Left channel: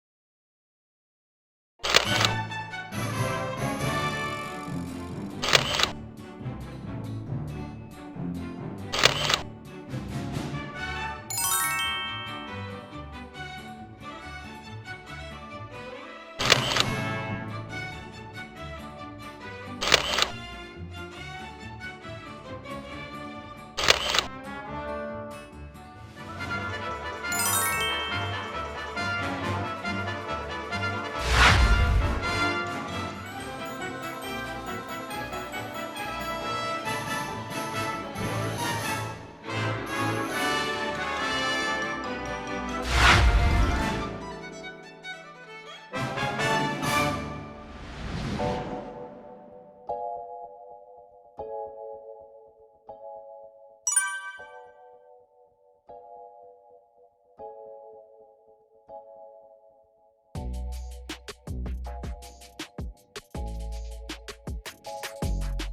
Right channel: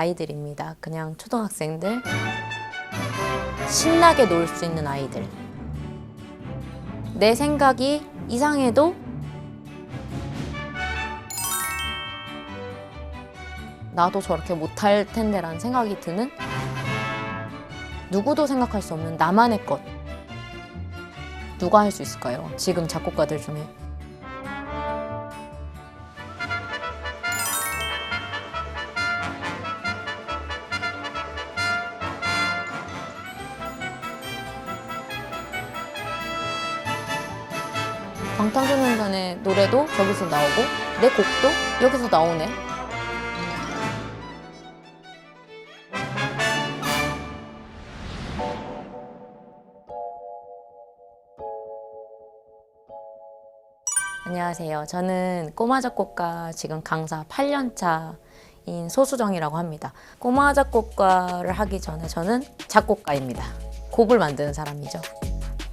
아이들입니다. 그냥 초등학생들, 신나게 놀 수 있는 아이들. 내 생각이 이상해도 나도 저렇게 못할 텐데라는 생각이 드는, 누구도 생각할 수 없는 나만의 것. 누가 할 수 있을까요? 지금 작곡가들 중에. 방탄소년단의 노래도 저기서 나오고 내 곡도 여기서 나오네. 안녕하세요. 저는 꼬마 작곡가 지금 강사 8년차인 소수정이라고 합니다. 꼬마 작곡가를 하기 전에 저는 작곡가입니다. 곡을 만드는 사람이죠.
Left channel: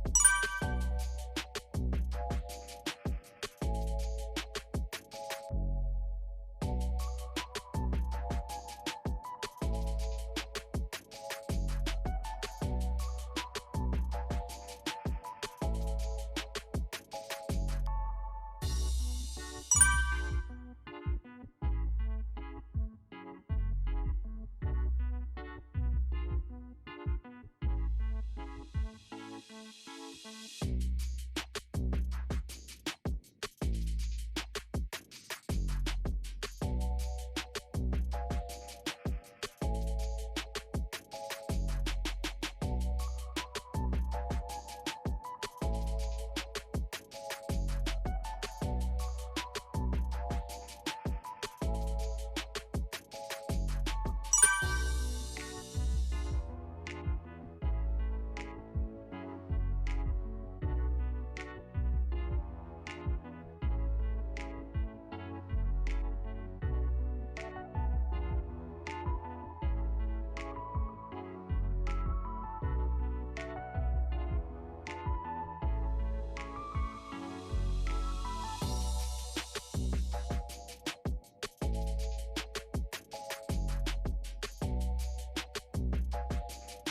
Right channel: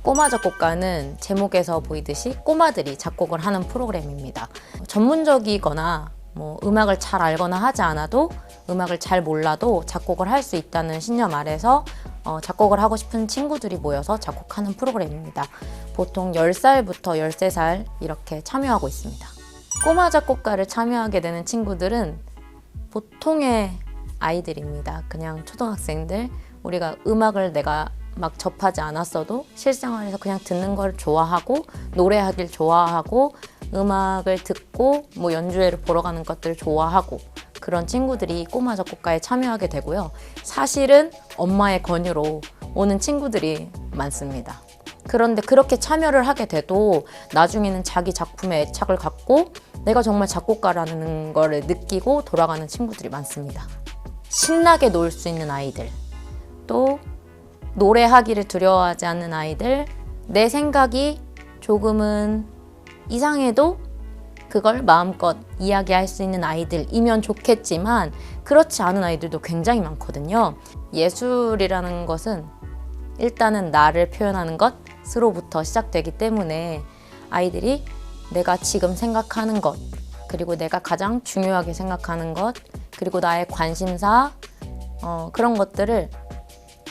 꼬마 작곡가는 제목에서 보이듯이 꼬마들이 작곡을 하는 프로그램입니다. 전문적이거나 음악을 잘 알거나 하지 않아도, 음악을 잘 몰라도 작곡을 할 수 있다는 신념 아래서 작곡을 하고 싶은 친구들이 모여서 작곡하는 프로그램입니다. 보통 10살부터 13살 이렇게 참여하고 있습니다. 꼬마 작곡가를 참여하게 되는 친구들은 보통의 아이들입니다. 그냥 초등학생들, 우리가 음악을 내가 막 접하지 않았어도 실생활에서 그냥 듣는 걸 좋아하고, 노래하길 좋아하고, 음악을 듣고 연주회를 보러 가는 것들 좋아하고, 그런 친구들이 꼬마 작곡가에 참여하게 되고요. 사실은 엄마의 권유로 오는 친구들이 많습니다. 그런데 그렇게 참여를 하게 돼도 나중에는 자기 작품에 애착을 갖고 내가 정말 작곡가라는 걸 느끼고 돌아가는 친구들이 많습니다. 신나게 놀 수 있는 아이들, 또 노래하기를 두려워하지 않는 아이들, 내 생각이 조금은 이상해도 그걸 마음껏 이야기할 수 있는 아이들이면 좋겠지만 그렇지 않은 아이들도 굉장히 많거든요. 예술이라는 것은 일단은 나를 표현하는 것으로부터 시작되기 때문에 아이들이 내가 지금 생각하는 것, 그리고 내가 가장 중요하게 생각하는 것, 그리고 나의 관심사, 그런 것들을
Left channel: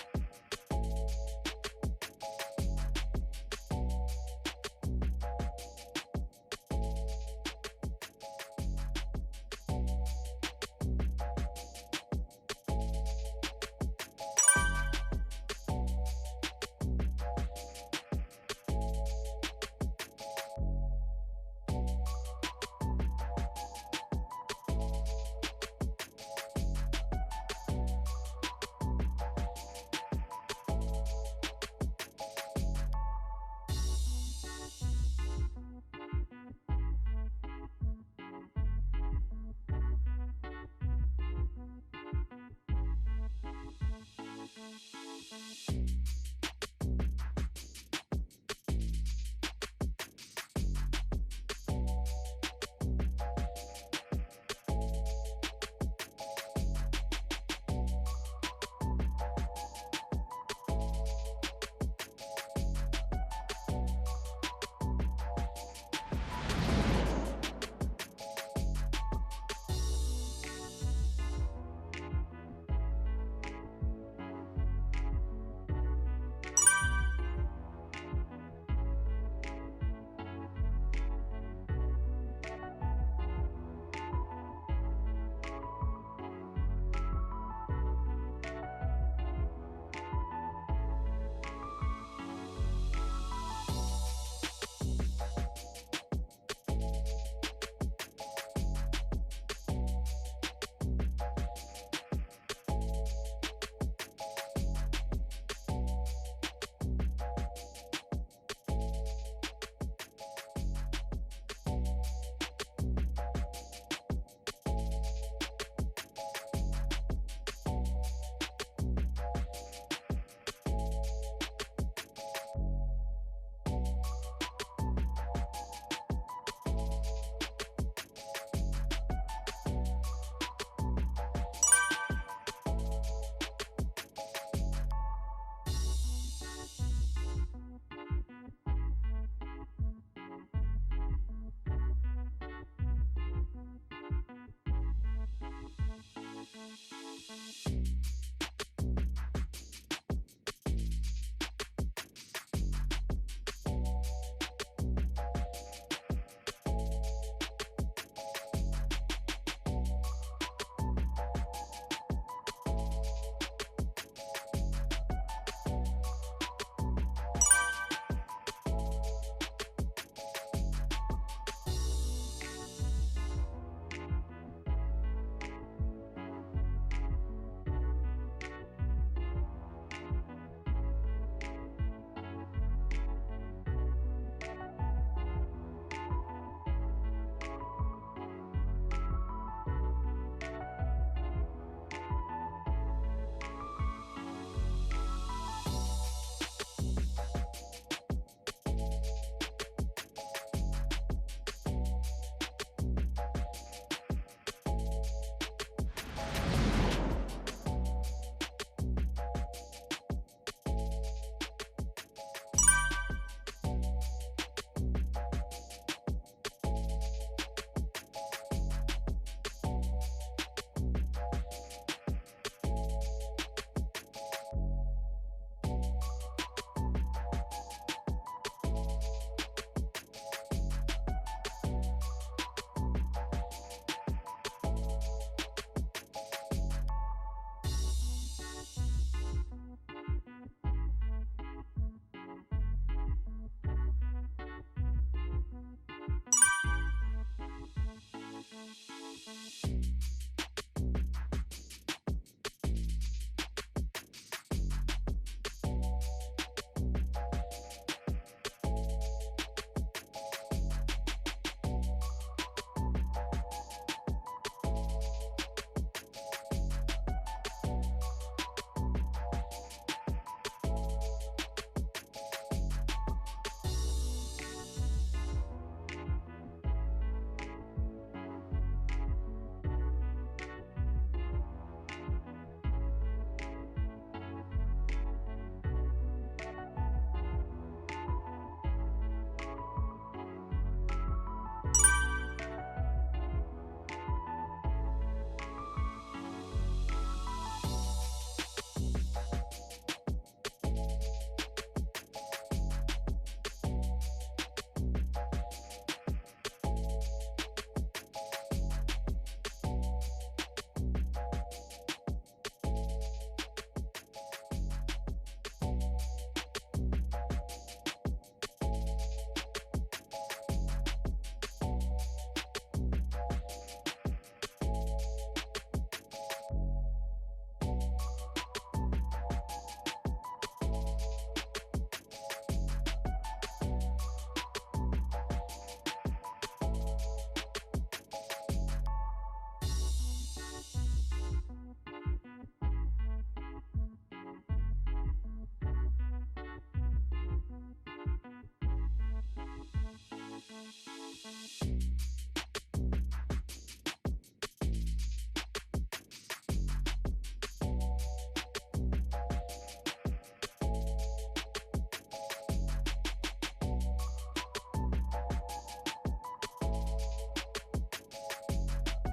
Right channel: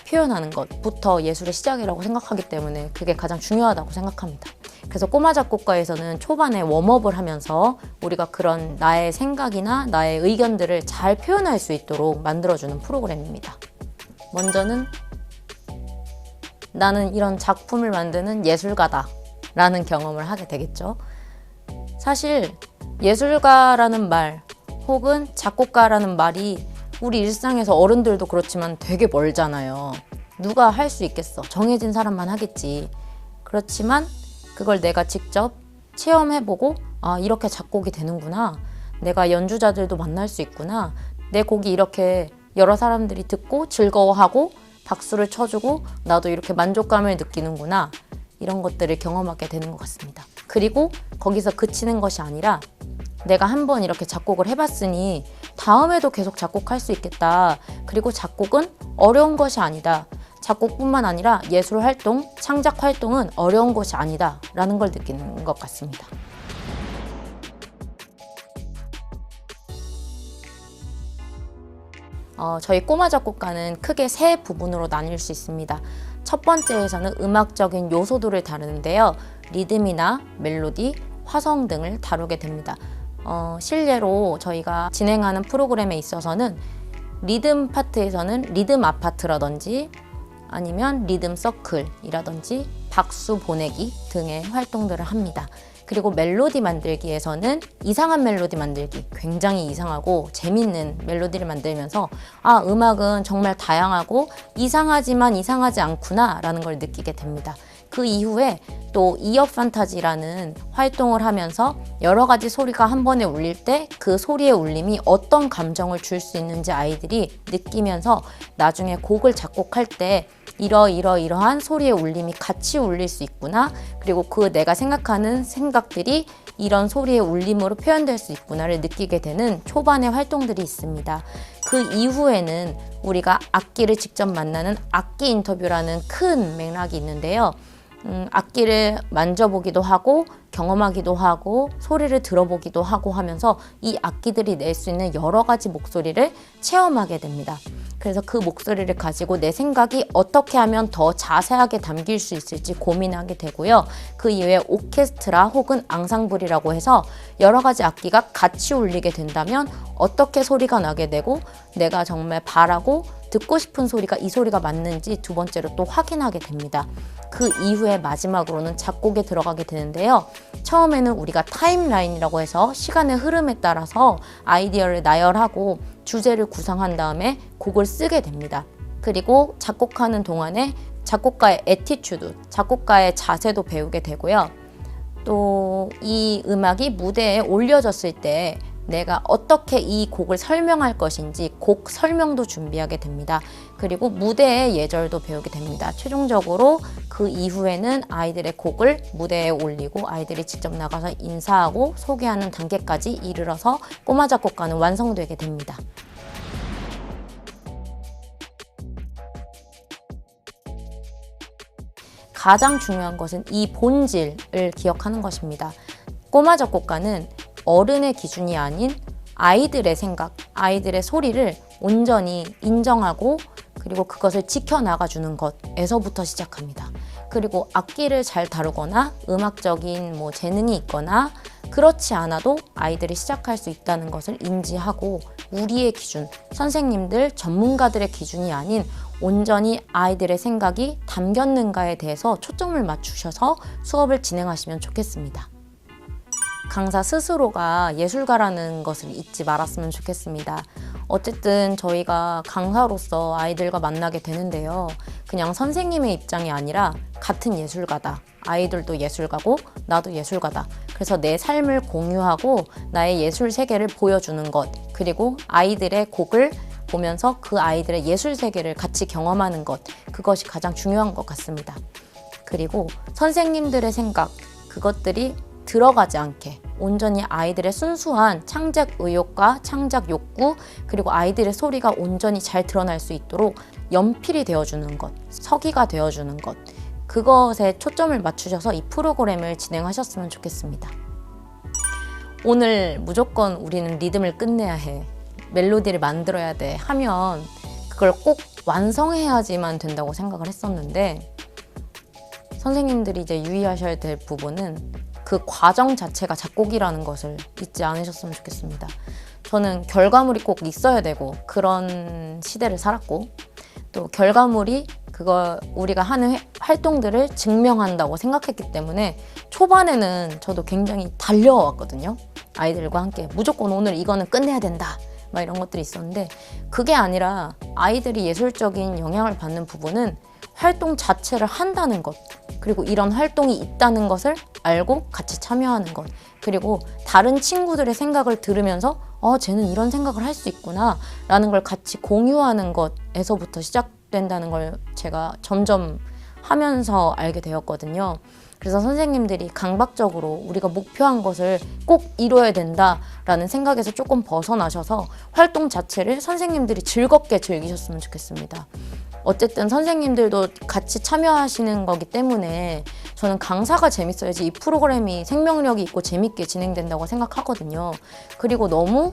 표현하는 것부터 예술의 시작이라고 생각하기 때문에 그게 가장 중요하다고 생각합니다. 그래서 꼬마 작곡가에서는 초반에 웜업을 하면서 우리가 그런 나의 생각이나 나의 의견들을 잘 표현할 수 있도록 만들어주는 프로그램입니다. 먼저는 나는 이런 작품을 만드는 예술가다 라는 경험을 하게 되겠죠. 사실 예술가라는 말 혹은 작곡가라는 말이 우리 일상에서 어른들도 그렇지만 되게 멀잖아요. 누가 할 수 있겠어? 정해진 사람만 하겠지. 그렇지만 그걸 내가 직접 체험해보고 이렇게 작곡이 되는구나. 내가 연주자들도 만날 수 있구나. 내 곡이 이렇게 여러 사람들이 듣고 즐거워하고 박수를 쳐주고 나도 이렇게 만족감을 느끼는구나. 이런 것들을 경험하게 되는 것 같습니다. 그리고 거기서 그치는 것이 아니라 내가 한번 이렇게 작곡을 해봤으니 다음에도 계속 작곡할 수 있겠다. 그리고 작곡은 어려운 것이 아니다. 작곡뿐만 아니라 예술 활동, 창작 활동은 어려운 것이 아니다 라는 걸 느끼는 것 같습니다. 저희 꼬마 작곡가는 크게 세 부분으로 나뉠 수 있습니다. 첫 번째에서는 음악적인 요소들을 다루는데요. 리듬이나 멜로디, 화성 등을 다루게 됩니다. 실례로 저희가 진행하는 프로그램에 있어서는 리듬 파트에서는 리듬 아파트라든지 아니면 리듬 서클이라든지 박수 보내기 등의 활동들을 합니다. 그리고 멜로디 만들기에서는 이상한 멜로디 만들기, 굉장히 이상하고 재밌는 멜로디를 만들면서 음악은 정말 다양하고 이상하지만 이상하지 않구나 라는 걸 느끼게 됩니다. 그 이후에 또 이어 판타지라는 활동을 하면서 여러 가지 소리가 한 번에 울릴 때 그 소리의 울림이 어떤 감정을 줄 수 있는지 아이들이 느끼면서 나중에 곡을 작곡할 때 이러한 소리의 울림이 같이 울릴 수 있구나, 그리고 그 내가 생각하는 생각들이 이런 소리의 울림으로 표현될 수 있구나를 느끼게 되는 초반의 활동들이 있습니다. 그 이후에는 우리가 악기를 직접 만나는 악기 인터뷰라는 큰 맥락이 있는데요. 악기를 만져보기도 하고 경험하기도 하고 소리를 들어보기도 하고 하면서 이 악기들이 낼 수 있는 여러 가지 목소리를 체험하게 됩니다. 그래서 그 목소리를 가지고 내 생각이 어떻게 하면 더 자세하게 담길 수 있을지 고민하게 되고요. 그 이외에 오케스트라 혹은 앙상블이라고 해서 여러 가지 악기가 같이 울리게 된다면 어떻게 소리가 나게 되고 내가 정말 바라고 듣고 싶은 소리가 이 소리가 맞는지 두 번째로 또 확인하게 됩니다. 그 이후에 마지막으로는 작곡에 들어가게 되는데요. 처음에는 우리가 타임라인이라고 해서 시간의 흐름에 따라서 아이디어를 나열하고 주제를 구상한 다음에 곡을 쓰게 됩니다. 그리고 작곡하는 동안에 작곡가의 애티튜드, 작곡가의 자세도 배우게 되고요. 또 이 음악이 무대에 올려졌을 때 내가 어떻게 이 곡을 설명할 것인지 곡 설명도 준비하게 됩니다. 그리고 무대의 예절도 배우게 됩니다. 최종적으로 그 이후에는 아이들의 곡을 무대에 올리고 아이들이 직접 나가서 인사하고 소개하는 단계까지 이르러서 꼬마 작곡가는 완성되게 됩니다. 가장 중요한 것은 이 본질을 기억하는 것입니다. 꼬마 작곡가는 어른의 기준이 아닌 아이들의 생각, 아이들의 소리를 온전히 인정하고 그리고 그것을 지켜나가주는 것에서부터 시작합니다. 그리고 악기를 잘 다루거나 음악적인 재능이 있거나 그렇지 않아도 아이들이 시작할 수 있다는 것을 인지하고 우리의 기준, 선생님들, 전문가들의 기준이 아닌 온전히 아이들의 생각이 담겼는가에 대해서 초점을 맞추셔서 수업을 진행하시면 좋겠습니다. 강사 스스로가 예술가라는 것을 잊지 말았으면 좋겠습니다. 어쨌든 저희가 강사로서 아이들과 만나게 되는데요. 그냥 선생님의 입장이 아니라 같은 예술가다. 아이들도 예술가고 나도 예술가다. 그래서 내 삶을 공유하고 나의 예술 세계를 보여주는 것, 그리고 아이들의 곡을 보면서 그 아이들의 예술 세계를 같이 경험하는 것, 그것이 가장 중요한 것 같습니다. 그리고 선생님들의 생각, 그것들이 들어가지 않게 온전히 아이들의 순수한 창작 의욕과 창작 욕구, 그리고 아이들의 소리가 온전히 잘 드러날 수 있도록 연필이 되어주는 것, 서기가 되어주는 것, 그것에 초점을 맞추셔서 이 프로그램을 진행하셨으면 좋겠습니다. 오늘 무조건 우리는 리듬을 끝내야 해, 멜로디를 만들어야 돼 하면 그걸 꼭 완성해야지만 된다고 생각을 했었는데, 선생님들이 이제 유의하셔야 될 부분은 그 과정 자체가 작곡이라는 것을 잊지 않으셨으면 좋겠습니다. 저는 결과물이 꼭 있어야 되고 그런 시대를 살았고, 또 결과물이 그거 우리가 하는 활동들을 증명한다고 생각했기 때문에 초반에는 저도 굉장히 달려왔거든요. 아이들과 함께 무조건 오늘 이거는 끝내야 된다, 막 이런 것들이 있었는데, 그게 아니라 아이들이 예술적인 영향을 받는 부분은 활동 자체를 한다는 것, 그리고 이런 활동이 있다는 것을 알고 같이 참여하는 것, 그리고 다른 친구들의 생각을 들으면서 쟤는 이런 생각을 할 수 있구나 라는 걸 같이 공유하는 것에서부터 시작된다는 걸 제가 점점 하면서 알게 되었거든요. 그래서 선생님들이 강박적으로 우리가 목표한 것을 꼭 이뤄야 된다라는 생각에서 조금 벗어나셔서 활동 자체를 선생님들이 즐겁게 즐기셨으면 좋겠습니다. 어쨌든 선생님들도 같이 참여하시는 거기 때문에 저는 강사가 재밌어야지 이 프로그램이 생명력이 있고 재밌게 진행된다고 생각하거든요. 그리고 너무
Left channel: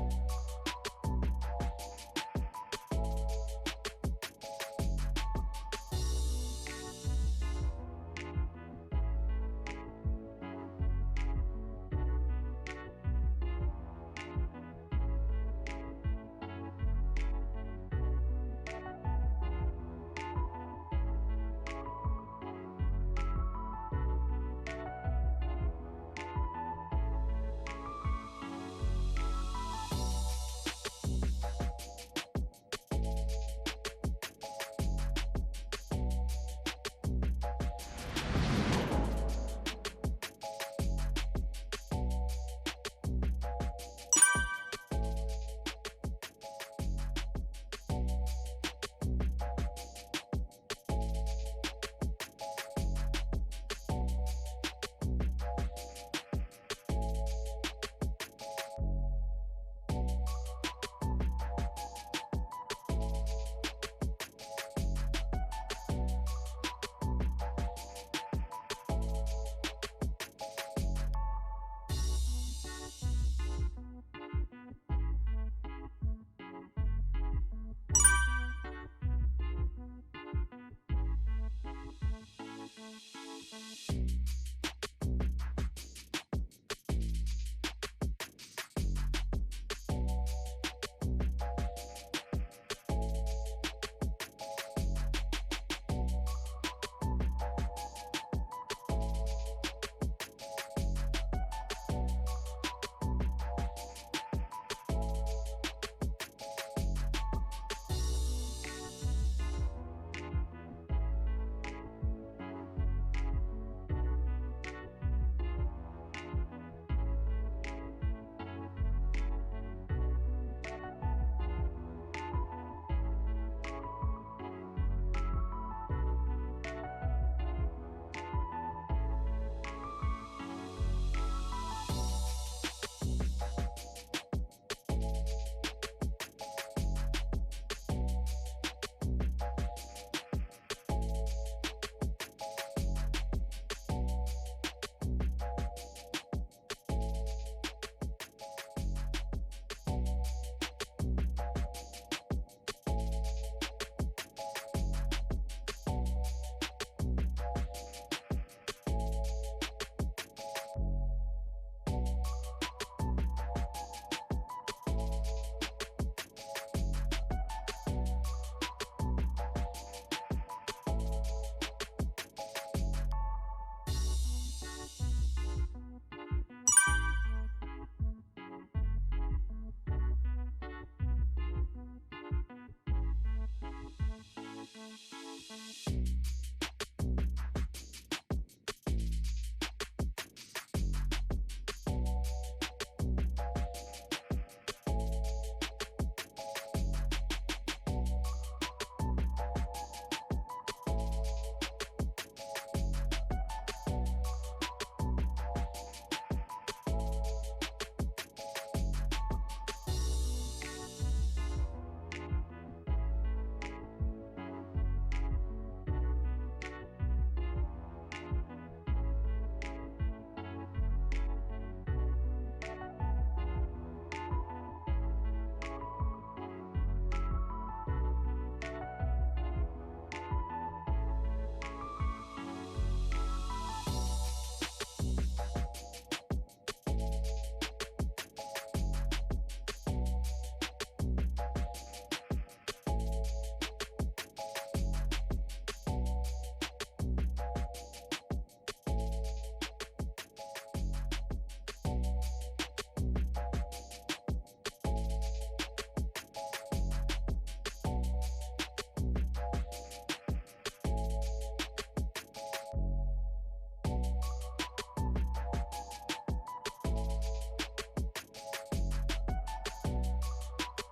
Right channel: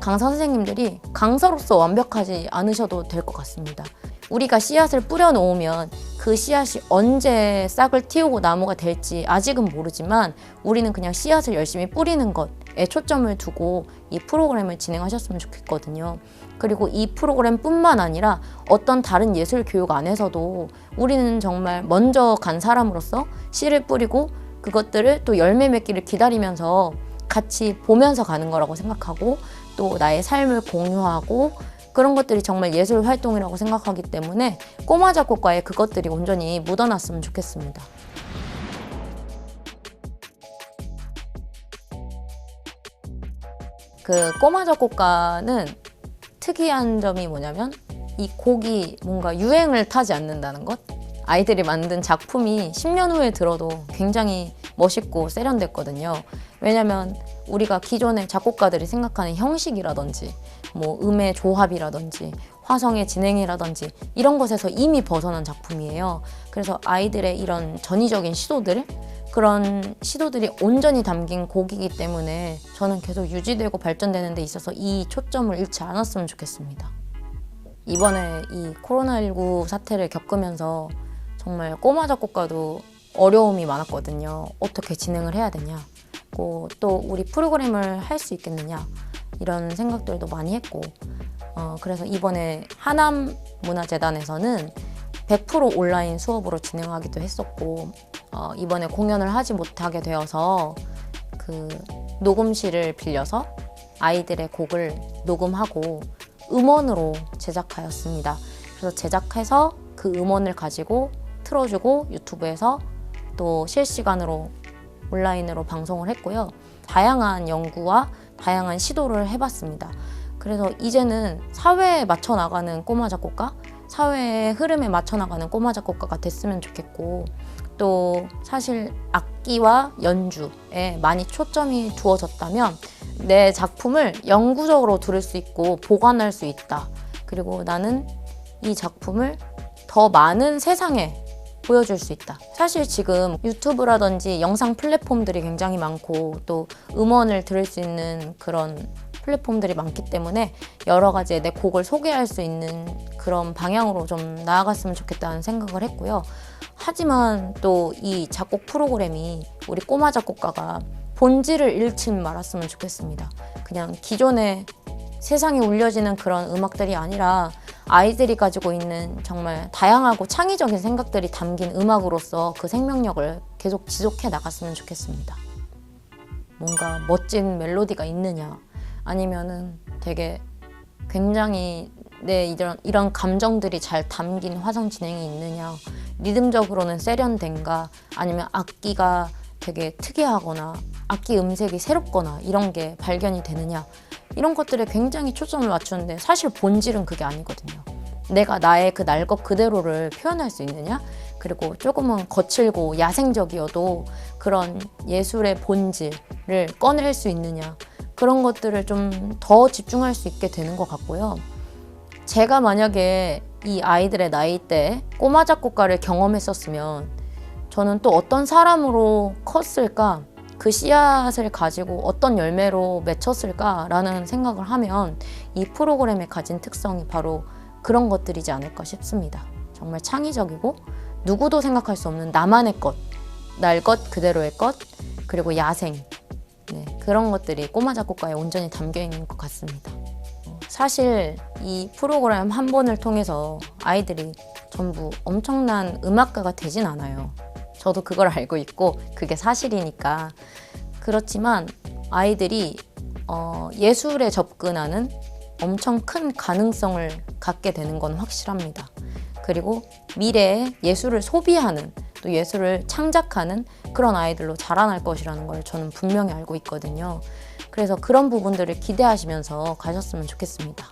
강사 선생님들이 강사로서 완벽하지 않으셔도 될 것 같습니다. 우리가 씨앗을 뿌려놓으면 그 씨앗이 언제 싹을 틔우고 나무가 될지 아직은 모르지만 우리는 그냥 씨앗을 열심히 뿌리는 것에 초점을 두고 이 프로그램을 진행하셨으면 좋겠거든요. 그리고 이 프로그램뿐만 아니라 어떤 다른 예술 교육 안에서도 우리는 정말 먼저 간 사람으로서 씨를 뿌리고 그것들을 또 열매 맺기를 기다리면서 같이 보면서 가는 거라고 생각하고, 또 나의 삶을 공유하고 그런 것들이 정말 예술 활동이라고 생각하기 때문에 꼬마 작곡가에 그것들이 온전히 묻어났으면 좋겠습니다. 그 꼬마 작곡가는 특이한 점이 뭐냐면 이 곡이 뭔가 유행을 타지 않는다는 것. 아이들이 만든 작품이 10년 후에 들어도 굉장히 멋있고 세련됐거든요. 왜냐면 우리가 기존의 작곡가들이 생각하는 형식이라든지 음의 조합이라든지 화성의 진행이라든지 이런 것에서 이미 벗어난 작품이에요. 그래서 아이들의 이런 전위적인 시도들, 그런 시도들이 온전히 담긴 곡이기 때문에 저는 계속 유지되고 발전되는 데 있어서 이 초점을 잃지 않았으면 좋겠습니다. 이번에 이 코로나19 사태를 겪으면서 정말 꼬마 작곡가도 어려움이 많았거든요. 어떻게 진행을 해야 되냐, 또 우리 프로그램을 할 수 있겠느냐, 이런 생각들도 많이 했고, 그래서 이번에 하남문화재단에서는 100% 온라인 수업으로 진행하기도 했었고, 이번에 공연을 하지 못하게 되어서 그 녹음실을 빌려서 아이들의 곡을 녹음하고 음원으로 제작하였습니다. 그래서 제작해서 그 음원을 가지고 틀어주고 유튜브에서 또 실시간으로 온라인으로 방송을 했고요. 다양한 연구와 다양한 시도를 해봤습니다. 그래서 이제는 사회에 맞춰 나가는 꼬마 작곡가, 사회의 흐름에 맞춰 나가는 꼬마 작곡가가 됐으면 좋겠고, 또 사실 악기와 연주에 많이 초점이 두어졌다면 내 작품을 영구적으로 들을 수 있고 보관할 수 있다. 그리고 나는 이 작품을 더 많은 세상에 보여줄 수 있다. 사실 지금 유튜브라든지 영상 플랫폼들이 굉장히 많고 또 음원을 들을 수 있는 그런 플랫폼들이 많기 때문에 여러 가지의 내 곡을 소개할 수 있는 그런 방향으로 좀 나아갔으면 좋겠다는 생각을 했고요. 하지만 또 이 작곡 프로그램이 우리 꼬마 작곡가가 본질을 잃지 말았으면 좋겠습니다. 그냥 기존에 세상에 울려지는 그런 음악들이 아니라 아이들이 가지고 있는 정말 다양하고 창의적인 생각들이 담긴 음악으로서 그 생명력을 계속 지속해 나갔으면 좋겠습니다. 뭔가 멋진 멜로디가 있느냐, 아니면은 되게 굉장히 내 이런 감정들이 잘 담긴 화성 진행이 있느냐, 리듬적으로는 세련된가, 아니면 악기가 되게 특이하거나 악기 음색이 새롭거나 이런 게 발견이 되느냐, 이런 것들에 굉장히 초점을 맞추는데 사실 본질은 그게 아니거든요. 내가 나의 그 날 것 그대로를 표현할 수 있느냐, 그리고 조금은 거칠고 야생적이어도 그런 예술의 본질을 꺼낼 수 있느냐, 그런 것들을 좀 더 집중할 수 있게 되는 것 같고요. 제가 만약에 이 아이들의 나이대에 꼬마 작곡가를 경험했었으면 저는 또 어떤 사람으로 컸을까, 그 씨앗을 가지고 어떤 열매로 맺혔을까라는 생각을 하면 이 프로그램에 가진 특성이 바로 그런 것들이지 않을까 싶습니다. 정말 창의적이고 누구도 생각할 수 없는 나만의 것, 날 것 그대로의 것, 그리고 야생, 그런 것들이 꼬마 작곡가에 온전히 담겨 있는 것 같습니다. 사실 이 프로그램 한 번을 통해서 아이들이 전부 엄청난 음악가가 되진 않아요. 저도 그걸 알고 있고 그게 사실이니까. 그렇지만 아이들이 예술에 접근하는 엄청 큰 가능성을 갖게 되는 건 확실합니다. 그리고 미래에 예술을 소비하는, 또 예술을 창작하는 그런 아이들로 자라날 것이라는 걸 저는 분명히 알고 있거든요. 그래서 그런 부분들을 기대하시면서 가셨으면 좋겠습니다.